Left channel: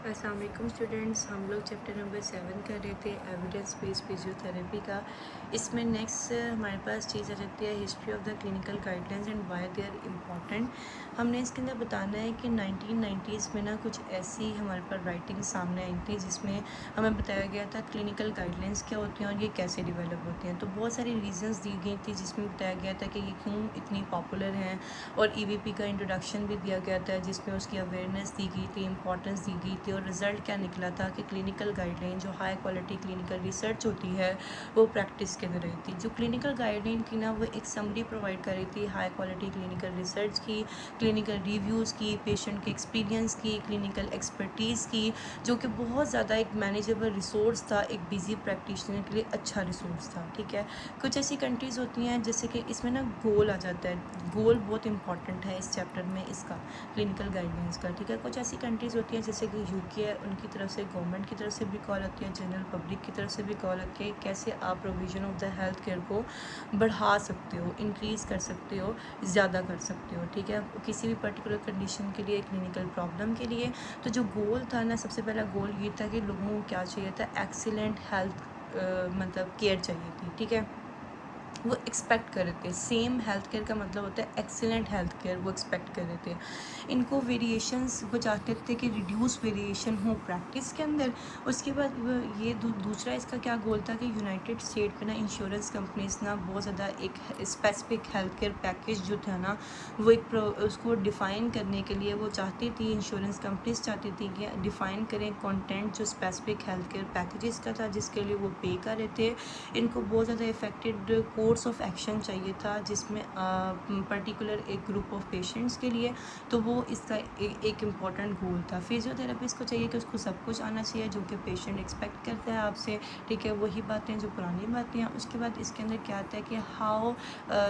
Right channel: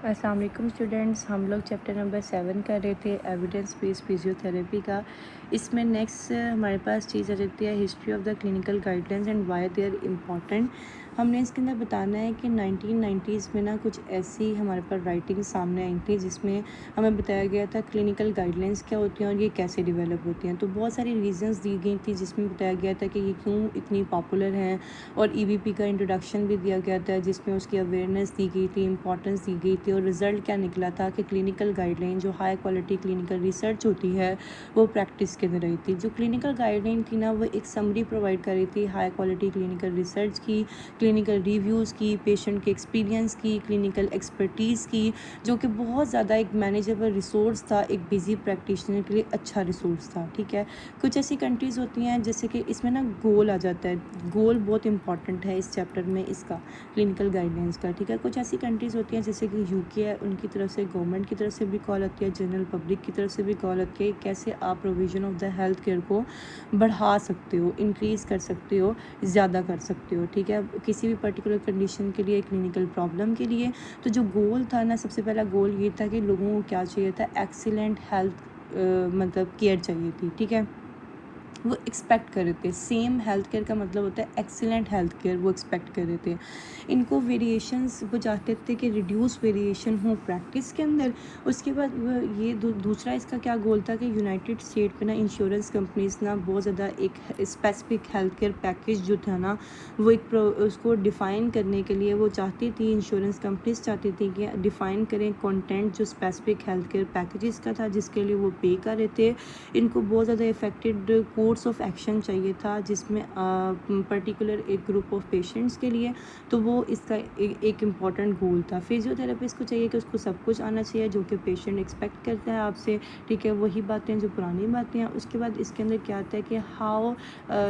السلام علیکم اسٹوڈینٹس، ہم لوگ چیپٹر نمبر 7 کر رہے تھے ایویڈنس بیس فزیوتھراپی کا۔ اس میں نیکسٹ ہمارے پاس چیز آ جاتی ہے history of the clinical guidelines and why they are important. ہم نے اس کے اندر بتانا ہے کہ 1990s میں کچھ ایسی ہمارے پر رائٹنگ سامنے آئی تھی جس میں ہمیں بتایا گیا تھا کلینکل گائیڈلائنس کیا ہوتی ہیں اور یہ کیسے ڈیولپ ہوتے ہیں۔ تو بہت ساری ریزنس دی گئی تھی جس میں بتایا گیا تھا کہ یہ کیوں اتنی پاپولر ہیں، اور ای وی پی کا انٹروڈکشن بھی دیا گیا تھا جس میں اس کی اویئرنیس دی گئی تھی، امپورٹنس دی گئی تھی، اور رزلٹ کیا نکلا تھا کہ کلینکل گائیڈ لائن جو ہائی کوالٹی کلینکل ریسرچ ہوتی ہے وہ پریکٹس کے اندر رہی تھی۔ جو کلینکل گائیڈ لائن تھی وہ ایک سمری پرووائڈ کر رہی تھی ہائی کوالٹی کلینکل ریسرچ کی، کلینکل ریویوز کی، پیشنٹ کے ایکسپیرینس کی، کلینکل ایکسپرٹیز کی، جو کہ بہت زیادہ ایک مینیجیبل ریسورس تھا، ایک بزی پریکٹیشنر کے لیے اچھا ریسورس تھا۔ ٹھیک ہے، کچھ ایسی کنٹریز ہوتی ہیں جیسے کہ اس میں گول آ جاتا ہے، گول بہت امپورٹنٹ ہے اس چیپٹر میں اس کا کلینکل گائیڈ لائنس کا۔ ٹھیک ہے، کچھ ایسی کنٹریز ہوتی ہیں جیسے کہ یو کے ہے، ان کی طرف سے گورنمنٹ کی طرف سے بھی کال آتی ہے، جنرل پبلک کی طرف سے بھی کال آتی ہے کیسے آپ provision of the health care کو بڑھا سکتے ہو، انکریز کر سکتے ہو، زیادہ کر سکتے ہو۔ ٹھیک ہے، کسی بھی پرٹیکولر کنڈیشن کے لیے، کلینکل پرابلم کے لیے۔ تو جو گول تھا سب سے پہلا گول یہ تھا کہ لوگوں کو کیا چاہیے تھا، ایکسیلنٹ ہیلتھ مطلب کیئر چاہیے تھی۔ ٹھیک ہے، وہ ایکسپیکٹ کر رہے تھے، سیم ہیلتھ کیئر کا مطلب ہوتا ہے ایکسیلنٹ ہیلتھ کیئر، وہ ایکسپیکٹ کر رہے تھے۔ ان کو ویریشنس وہ چاہتے تھے کہ ریڈیوس ویریشن ہو پریکٹس کے اندر۔ اس کے بعد یہ دوسرا اس کا کیا گول تھا کہ یونائٹڈ اسٹیٹ میں انشورنس کمپنیز بہت زیادہ ایک اسپیسیفک ہیلتھ کیئر پیکیج جو تھا وہ ایک اس کو ڈیفائن کرنے کے لیے وہ چاہتی تھی، انشورنس کمپنیز چاہتی تھی کہ ڈیفائن کریں کنٹینٹ جو اسپیسیفک ہیلتھ کیئر پیکیجز کا تھا جس کے لیے وہ پے کر رہے تھے۔ ان کو بہت زیادہ افیکٹڈ کورس آف ایکشن چاہیے تھا جس میں پرٹیکولر ایک گروپ آف پیشنٹس کے لیے، تو وہ اس کا ایک امپورٹنٹ گول تھا۔ فزیوتھراپسٹ کو چاہیے کہ اس کو سب کچھ آنا چاہیے جو کہ پیشنٹ ایکسپیکٹ کرتا ہے آپ سے۔ ٹھیک ہے، وہی باتیں جو پرانی باتیں ہیں۔ اس کے بعد اس کے اندر کیا آتا ہے کہ how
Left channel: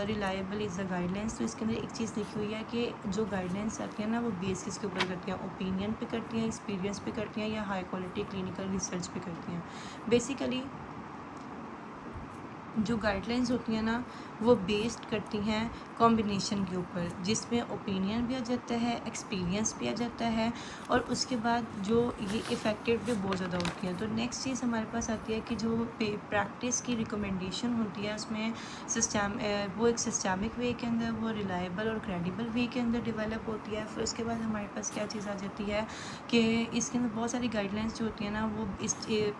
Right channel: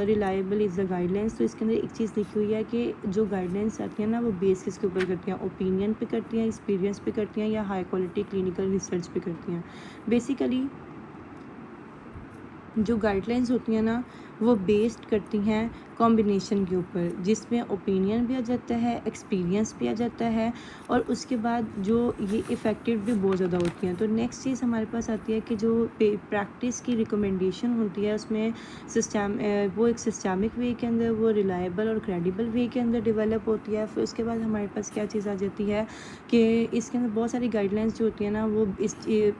reliable is the guide lines. تو اس کے اندر ایک چیز لکھی ہوئی ہے کہ جو گائیڈ لائنس آتی ہیں وہ بیس کس کے اوپر کرتی ہیں، اوپینین پہ کرتی ہیں، ایکسپیرینس پہ کرتی ہیں، یا ہائی کوالٹی کلینکل ریسرچ پہ کرتی ہیں۔ بیسیکلی جو گائیڈ لائنس ہوتی ہیں وہ بیسڈ کرتی ہیں کمبینیشن کے اوپر، جس میں اوپینین بھی آ جاتا ہے، ایکسپیرینس بھی آ جاتا ہے، اور اس کے بعد جو یہ افیکٹڈ بھی بہت زیادہ ہوتی ہیں۔ تو نیکسٹ چیز ہمارے پاس آتی ہے کہ جو پریکٹس کی ریکمنڈیشن ہوتی ہے اس میں وہ ایک سسٹمک وے کے اندر، وہ ریلائبل اور کریڈیبل وے کے اندر ڈیولپ ہوتی ہے۔ پھر اس کے بعد ہمارے پاس کیا چیز آ جاتی ہے کہ اس کے اندر بہت ساری گائیڈ لائنس جو ہوتی ہیں وہ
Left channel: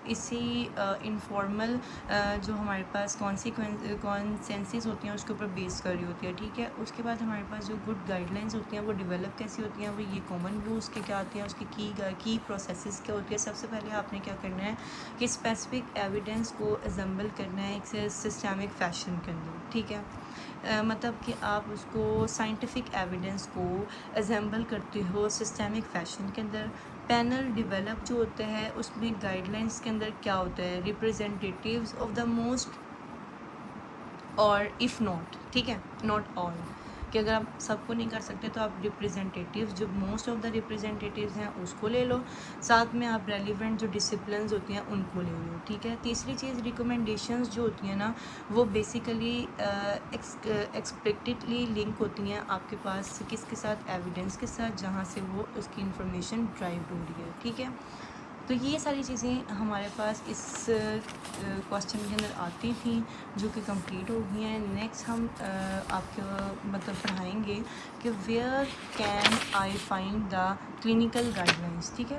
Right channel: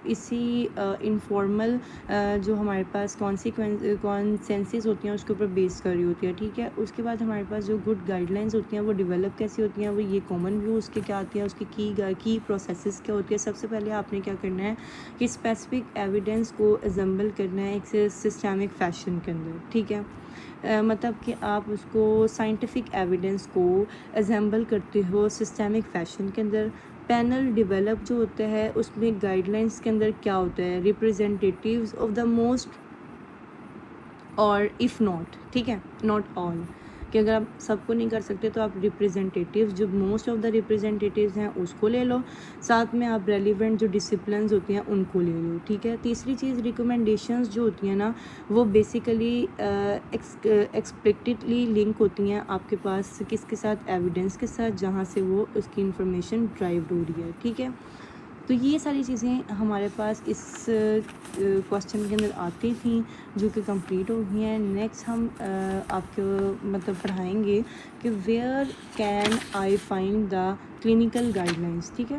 اسی انفارمل جو ہمارے پاس کانسنسز ہوتی ہیں اس کے اوپر بیس کر رہی ہوتی ہے۔ ٹھیک ہے، اس کے بعد ہمارے پاس جو گڈ گائیڈ لائنس ہوتی ہیں وہ ڈیولپ کیسی ہوتی ہیں، وہ یہ کامن ویو اس کے کیا آتی ہیں، اس کی کی پروسیسز کیا ہوتی ہے۔ سب سے پہلے آپ نے کیا کرنا ہے کہ اسپیسیفک ایویڈنس کو اسمبل کرنا ہے ایک سسٹمک فیشن کے اندر۔ ٹھیک ہے، مطلب کہ آپ اس کو سائنٹیفک ایویڈنس کو اسمبل کرتے ہو سسٹمک فیشن کے اندر۔ پینل ڈیولپ جو ہوتا ہے اس میں گائیڈ لائنس کے اندر کیا ہوتا ہے، ریپرزینٹیٹیوز آف دا موسٹ اور اف ناٹ، ٹھیک ہے، ناٹ آل، کہ اگر آپ سب کو نہیں کر سکتے تو آپ ریپرزینٹیٹیوز جو موسٹ آف دا ریپرزینٹیٹیوز ہیں اس کو لے لو، ساتھ میں آپ ریلیونٹ جو ڈسپلنز ہوتی ہیں ان کو لے لو۔ ٹھیک ہے، تیسری چیز ریکمنڈیشنز جو ہوتی ہیں وہ بیسیکلی ایکسپیکٹڈلی لنک ہوتی ہیں آپ کے پاس کس کے ساتھ، ایویڈنس کے ساتھ، جہاں سے وہ اس کی انفارمیشن ڈرائیو ہو رہی ہے۔ ٹھیک ہے، تو یہ ساری چیزیں ہمارے پاس اس کوشچن کے اندر آتی تھیں جو کہ کمپلیٹ ہو گئی ہیں۔ نیکسٹ ہم آپ کو مطلب پڑھائیں گے کہ where can I find the clinical guide lines. ٹھیک ہے۔